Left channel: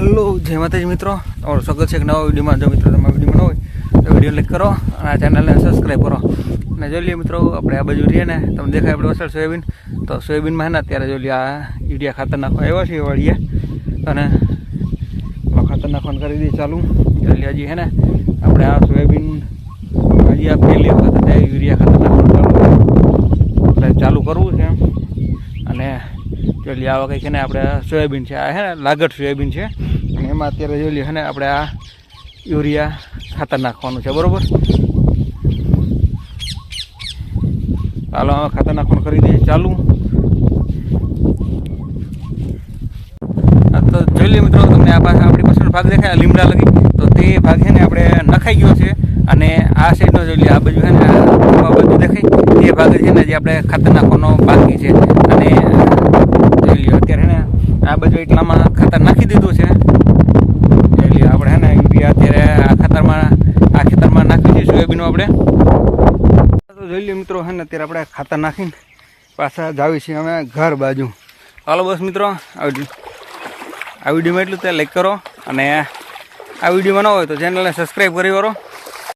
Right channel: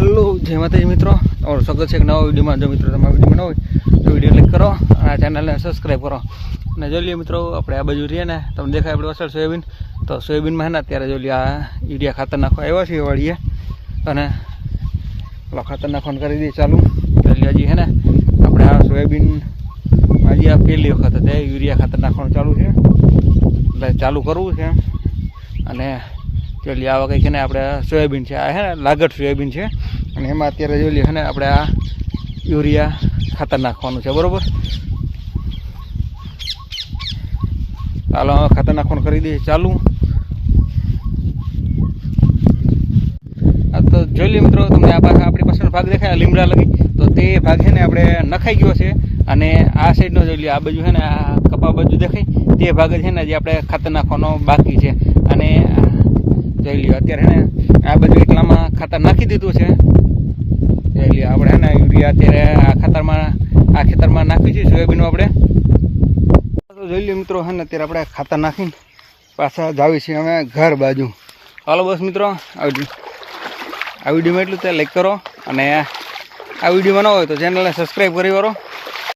હાલો જય માતાજી મિત્રો. તમારું સ્વાગત છે એક નવા વિડીયોમાં. જો મિત્રો તમારા વિડીયોમાં હોય, તો વીડિયો લાઈક કરો અને આ ચેનલને સબસ્ક્રાઈબ કરો. અને જોઈ લઈએ મિત્રો, આપણે આ બાજુ રહીએ ને, તમને દેખાય આપણે વસર સોયાબીન. તો સોયાબીનમાં હે ને, અત્યારે જોઈ લઈએ આ યુરિયા ખાતર નાખવા આવ્યા છીએ વાળીએ અને ખાતર નાખવાનું કરી દઈએ ચાલુ. જોઈ હજી હે ને, આપણે આ સોયાબીન હજી આ પહેલી વખત યુરિયા ખાતર નાખવાનું ચાલુ એટલે ચાલુ કરવું છે અને જોઈ લઈએ આવા કંઈક છે ને આપણે સોયાબીન છે, આ હે ને લાગટ સોયાબીન છે. અને એમાં અત્યારે જોઈ લઈએ ને આપણે આ યુરિયા ખાતર નાખવાનું છે, બરોબર? ચાલો, હવે ખાતર નાખવાનું કરી દઈએ, ચાલુ. તો જોઈ લઈએ મિત્રો, તમને આ પાસે આપણી પાછળ ભાગ દેખાય લીમડા લગી. તો તે ભાગ છે ને આપણે નખાઈ ગયો છે. અને આ સાઈડનો જોઈ લઈએ આ બાજુ છે ને આ બધું દેખાય. તે ભાગ છે ને જે આપણે ખાતર નાખવાનો બાકી છે. અને જોઈ લ્યો અત્યારે છે ને આ બધું એટલામાં ખાતર નાખી દીધું છે. લ્યો આપણે હે ને યુરિયા અત્યારે આ ખાતરમાં, આ ખેતરમાં નાખી છે સોયાબીનનું આપણે. તો જોઈ લ્યો મિત્રો, હે ને અત્યારે આપણે ખાતર નાખીને પાછા જાવી છીએ અમે ઘર બાજુ. હાલો બસ મિત્રો, આ વીડિયો આ વિડીયોમાં એટલું તે લાઈક કરો અને આ વિડીયોમાં ન હોય તો ચેનલને સબસ્ક્રાઈબ કરી કરો